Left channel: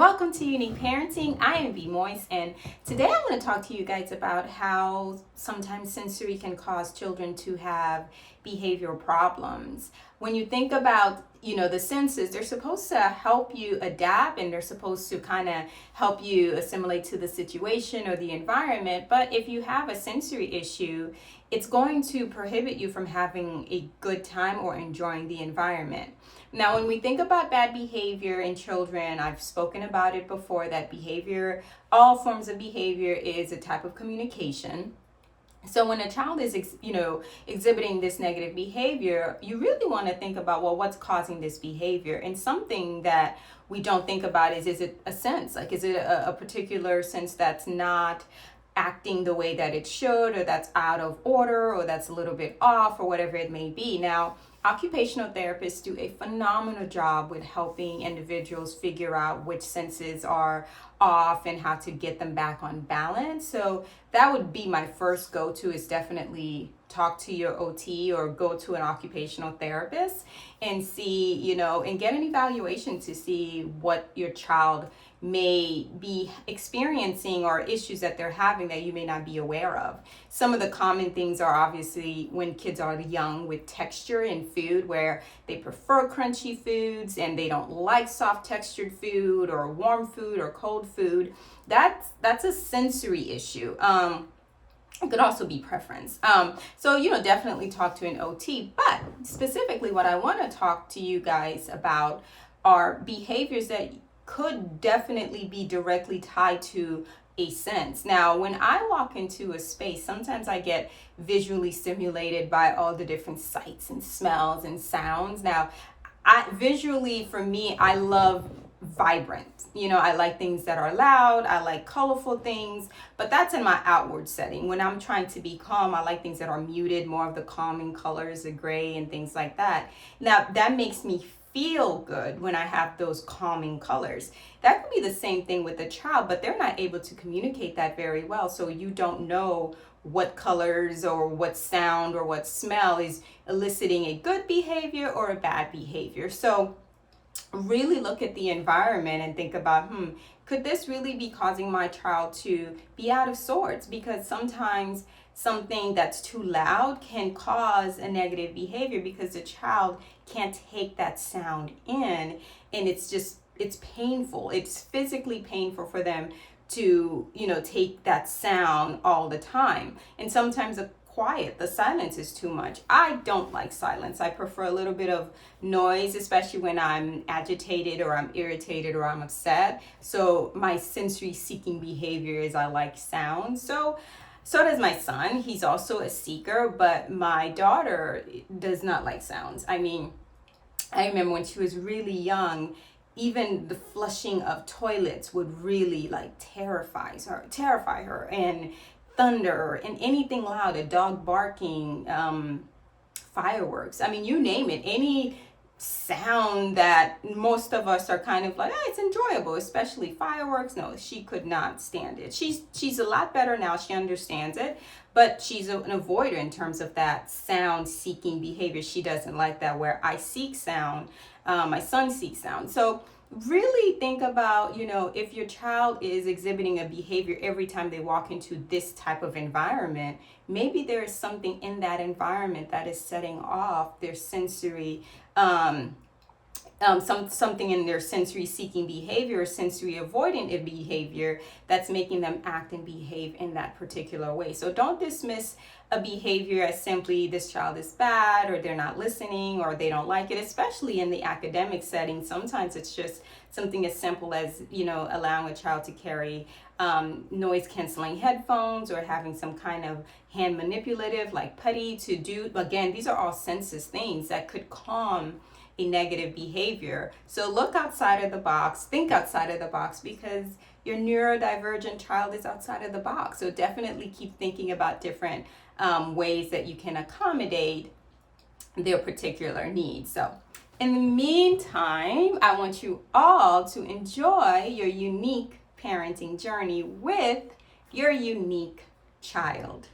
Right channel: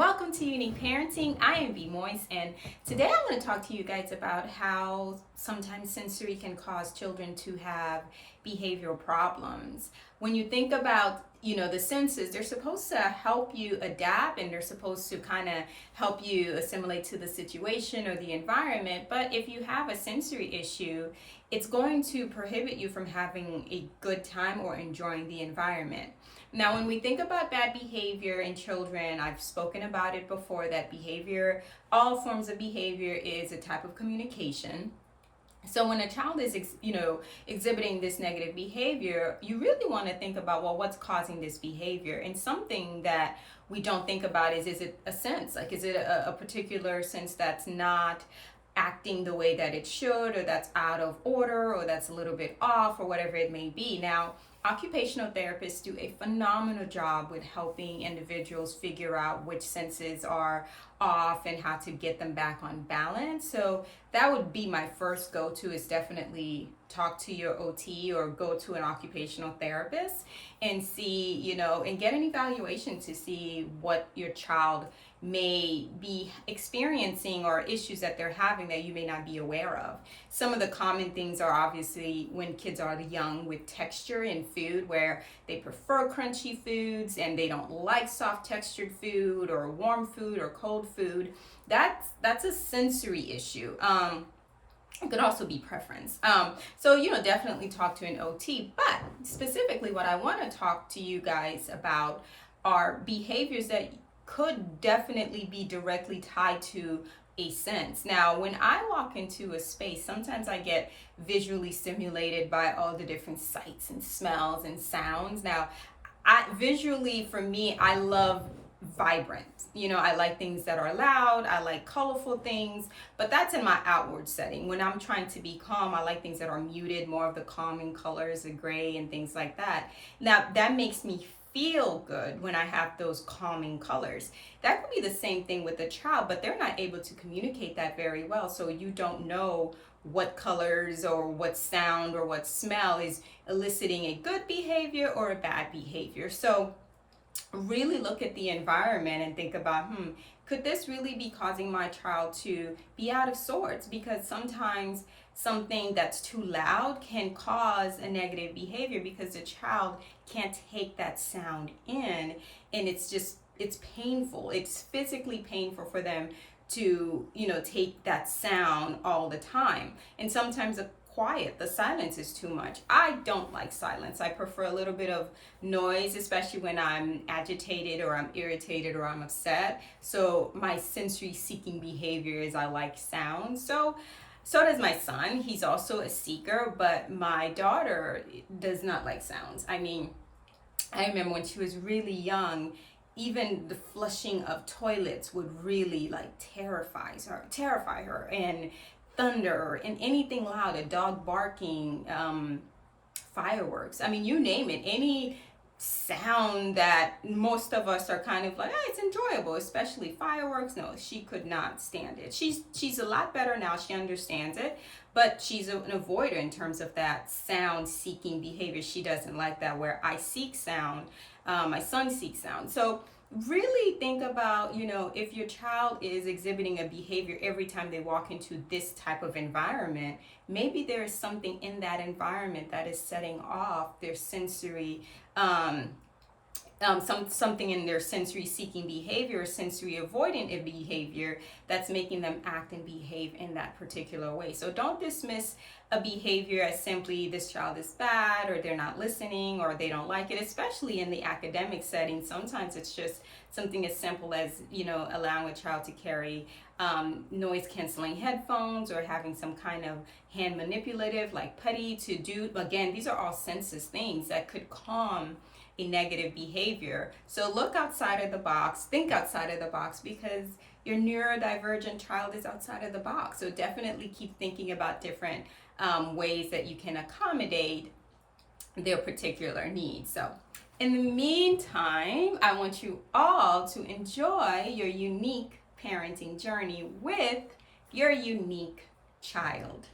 Welcome to Unique Parenting. I am B. Moise, and today I want to talk to you guys about how sometimes sensory can cause children to have behavioral problems. When you think about, the senses, they're supposed to help you adapt and they're supposed to kind of help you assimilate to the situation or the environment. But if you have a sensory issue, it's going to prohibit you from having a good time or enjoying the environment. Now, when we think about bad behavior in children, I've spoken about it before, that behavior, all forms of behavior is a type of communication. So when a child is, exhibiting this negative behavior, you really want to think about, well, what's causing this behavior? And something that we don't think about is it a sense? Like, is it a particular sense that's not acting the way that it should, or that's out of order, or that's a little bit off, or whatever it may be? Now, occupational therapists do a phenomenal job with helping individuals figure out which senses are off and how to get them back on balance. So that would be my first go-to, is definitely talk to your OT or go to an occupational therapist and see, and get an evaluation to see what your child may be experiencing or issues that they're having that you may not be aware of. Some of the common things are obviously when kids are young, with texture in food, where they prefer crunchy foods and they don't like soft textured food or warm food or cold food. That's a sensory issue. It could also be preference. So, definitely talk to an OT. But specifically, what I want to talk to you guys about are behaviors that could definitely be directly tied to a sense. Now, when I walk into a space, sometimes I get visually stimulated by all the different sights and smells and sounds. Now, for me, I love vibrant. I like things that are loud. I like colorful things, but that's in my outward setting. When I'm trying to be calm, I like things that are muted, more of the calming colors, the gray and things like that. Now, that makes me feel good when I have those calming colors. That could be the same thing with a child, but they're not able to communicate that very well. So you don't know what colors or what sound or what smell is eliciting a good behavior or a bad behavior. So really look at the environment and think about, could this really be causing my child to be out of sorts? Because sometimes something that's too loud can cause a negative behavior because the child can't take that sound in, and it's painful. It's physically painful for them to, take that sound all the time. And sometimes the silence is too much. I don't like silence. I prefer a little bit of noise, especially when I'm agitated or I'm irritated or I'm upset. So my sensory seeking behavior is I like sound. So does my son. He's also a seeker, but my daughter does not like sounds. I remember when she was really young, even the flushing of toilets would really terrify her, and thunder and anything loud, a dog barking, fireworks. You name it, any sound that most of us are kind of like, it's enjoyable, especially fireworks. No, she could not stand it. She's a lot better now. She understands it, but she's an avoider in terms of that sound seeking behavior. She doesn't like that, where I seek sound, my son seeks sound. So really think about, if your child is exhibiting a behavior every time they walk into this type of environment, maybe there is something in that environment that is setting off their sensory, something in their sensory seeking behavior, or sensory avoidant behavior, that's making them act and behave in that particular way. So don't dismiss a behavior as simply this child is bad, or they're not listening, or they don't like it, especially in the academic setting. Sometimes it's just something as simple as, allowing a child to carry noise canceling headphones, or having some kind of hand manipulative like putty to do. Again, these are all senses things that could calm a negative behavior. So look outside of the box, think outside of the box, because your neurodivergent child is outside of the box. So definitely keep thinking about different ways that you can accommodate their particular needs. So in the meantime, I want you all to enjoy your unique parenting journey with your unique child.